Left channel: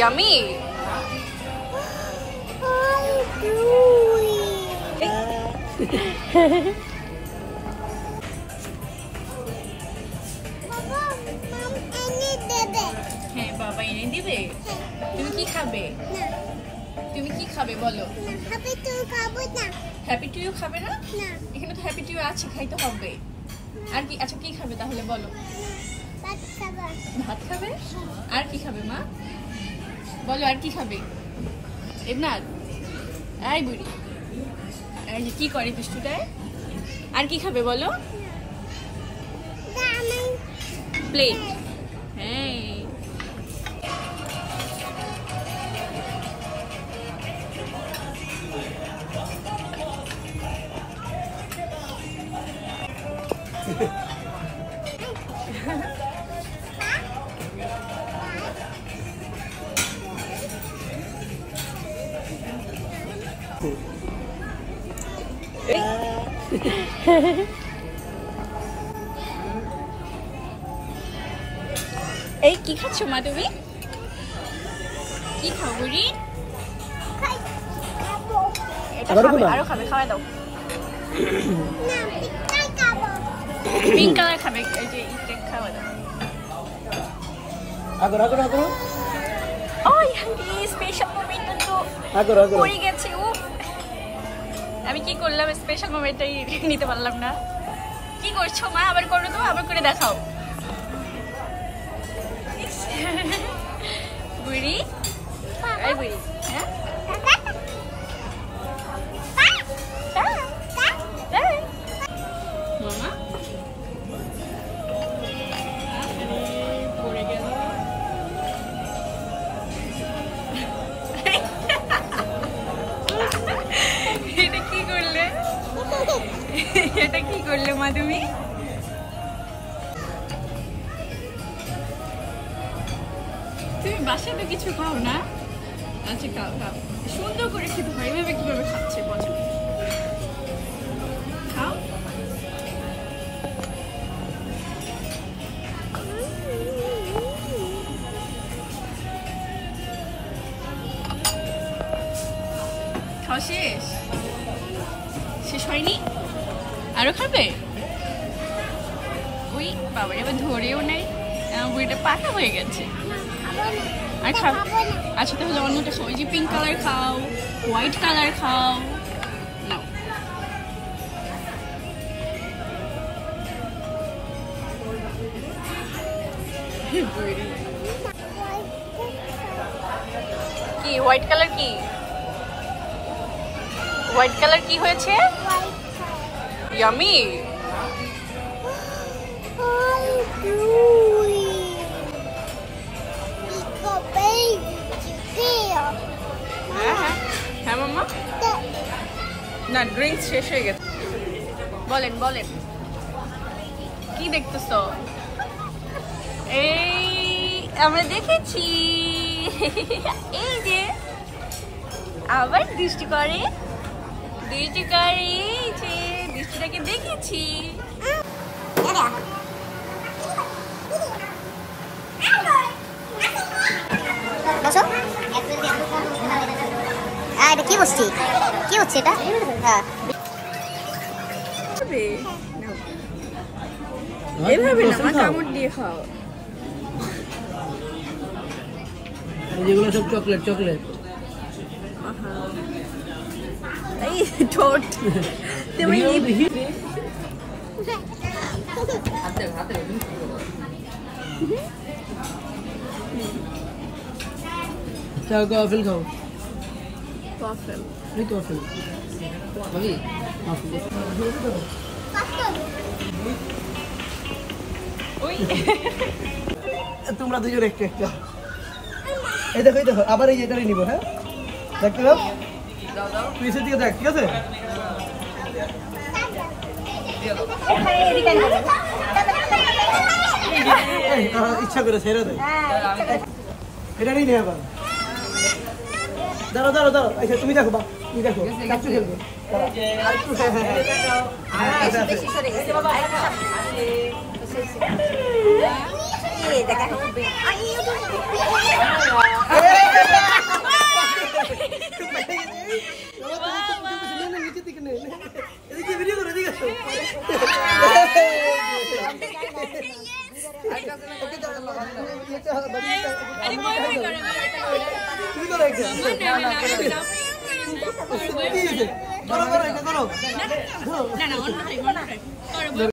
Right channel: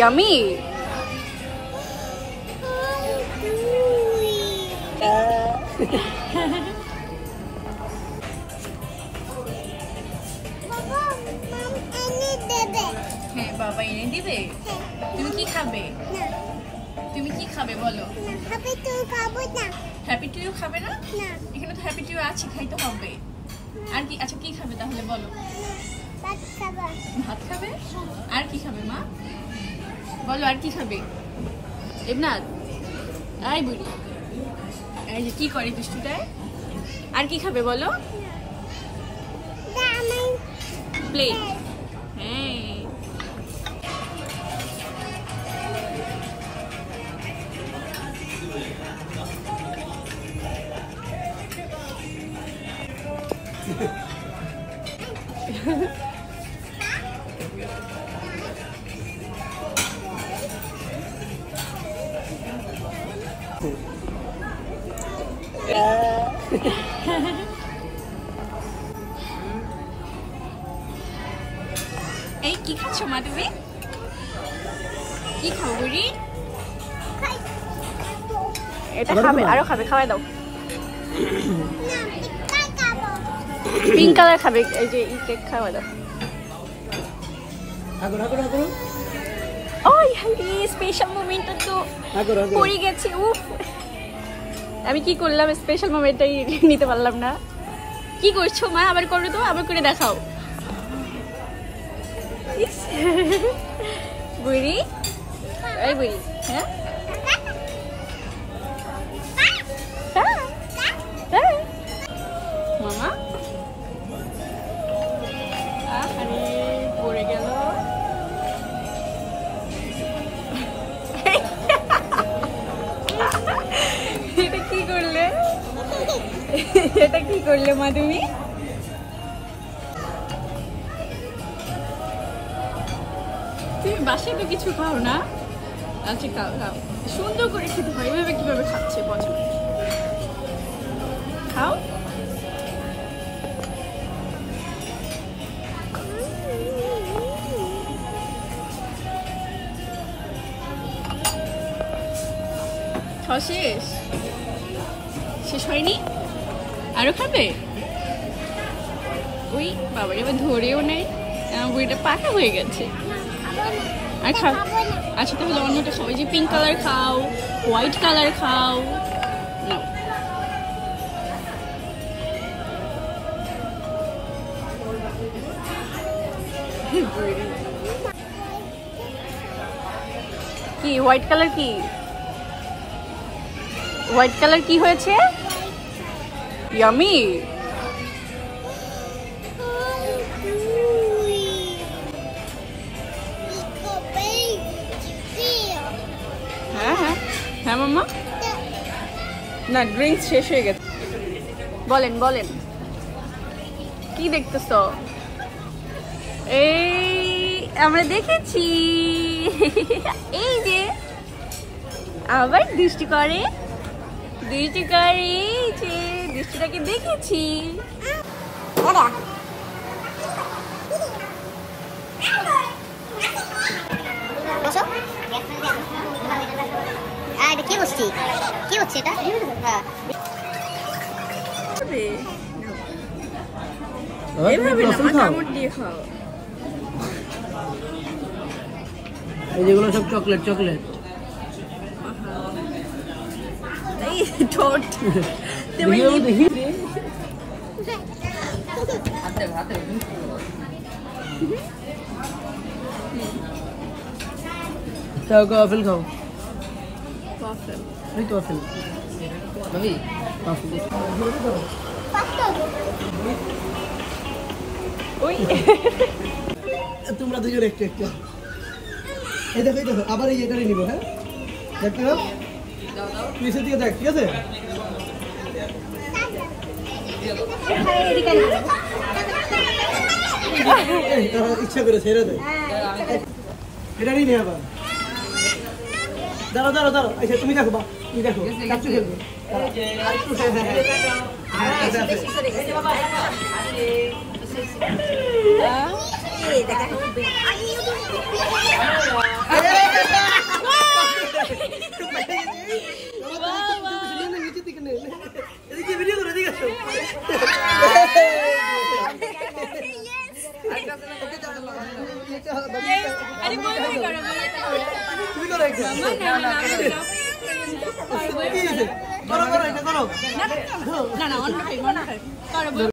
Yummy. হ্যাঁ বাবা এনে দিবে। তুমি কি খাবে? তুমি কি খাবে বলো? হ্যাপি টু খাবো না। হ্যাপি টু খাবে না? না। এখানে তো হ্যাপি টু আছে, খাইতে হবে। আর কি? আচ্ছা কি খাবে তাহলে বলো? ভাত খাবো। ভাত খাবে? আর কি খাবে মা? বলো আর কি খাবে? ইবনাত আই বুড়ি, এই যে কি করে দুষ্টুটায়? আর কি খাবে বলো? প্লেট। হ্যাঁ এই কি খাচ্ছ মা তুমি? কি খাও বুড়ি? আরো খাবে, খাওয়াই দাও। পিঙ্ক কালার খাবে, এই যে ইটে খাওয়া দাও। আগর আগর আগর স্পেশাল মোমেন্ট আগর আগর পড়ে গেছে। আমি কি করলাম? স্পেশাল মোমেন্টটাই নিতে পারলাম না। কি করছো মা? আবার করো তো, আবার করে দেখাও। বুড়ি এই বুড়ি, হ্যাঁ মামা আরে পড়ে গেল। এটা কি করলে? এটা কি করলে মা তুমি? তুমি বাসায় তো কিছু খাও না? আচ্ছা খাও খাও, সুন্দর করে খেতে হয়। এভাবে কিভাবে খাচ্ছে পছন্দ? খাও। শেষ শেষ হয়নি? আরো খাবে? ওই বাবার এবার ধরেও নেই, বুড়িটা পাকা হয়ে গেছে। আচ্ছা আচ্ছা তাহলে অন্যটা খাও। ওই যে পিঙ্ক কালার খাও, হোয়াইট কালার খাও। কি হোয়াইট কালার? কি হোয়াইট কালার কি হয়েছে? ইয়ামি। না ড্রিঙ্কস শেষ হয়ে গেছে। বলেন বলেন কি দেখতেছ? এই আমরা দেখেছি, এই যে আবার দৃষ্টি করে, দৃষ্টি করে, দৃষ্টিটাকে দেখেছি। বসো। এটা কি বসছি? কি হচ্ছে এটা? হ্যাঁ এভাবে না মা, কামড় দিয়ে খাও। যেগুলো সব চকলেট চকলেট। এই ঠোঁট তুমি কফিল খাও। কফিল এই কফিল তোমরা দুজন একটু একটু। এই দেখো এই দেখো, আবার এই এটারই নিবো। হ্যাঁ দেখতে পাও, পিছের দিকে দেখ, ঠিক আছে? ইচ্ছা করে ছেড়ে দে, এটারই নেই আবার। দাঁড়াও দাঁড়াও দাঁড়াও, আচ্ছা তুমি দেখো বা তুই দেখো কাচ্চু খেলবে আর একটু এদিকে ভিডিও করে এদিকে আসো তুমি করো একটা করো করো এটা করো না অন্য খাই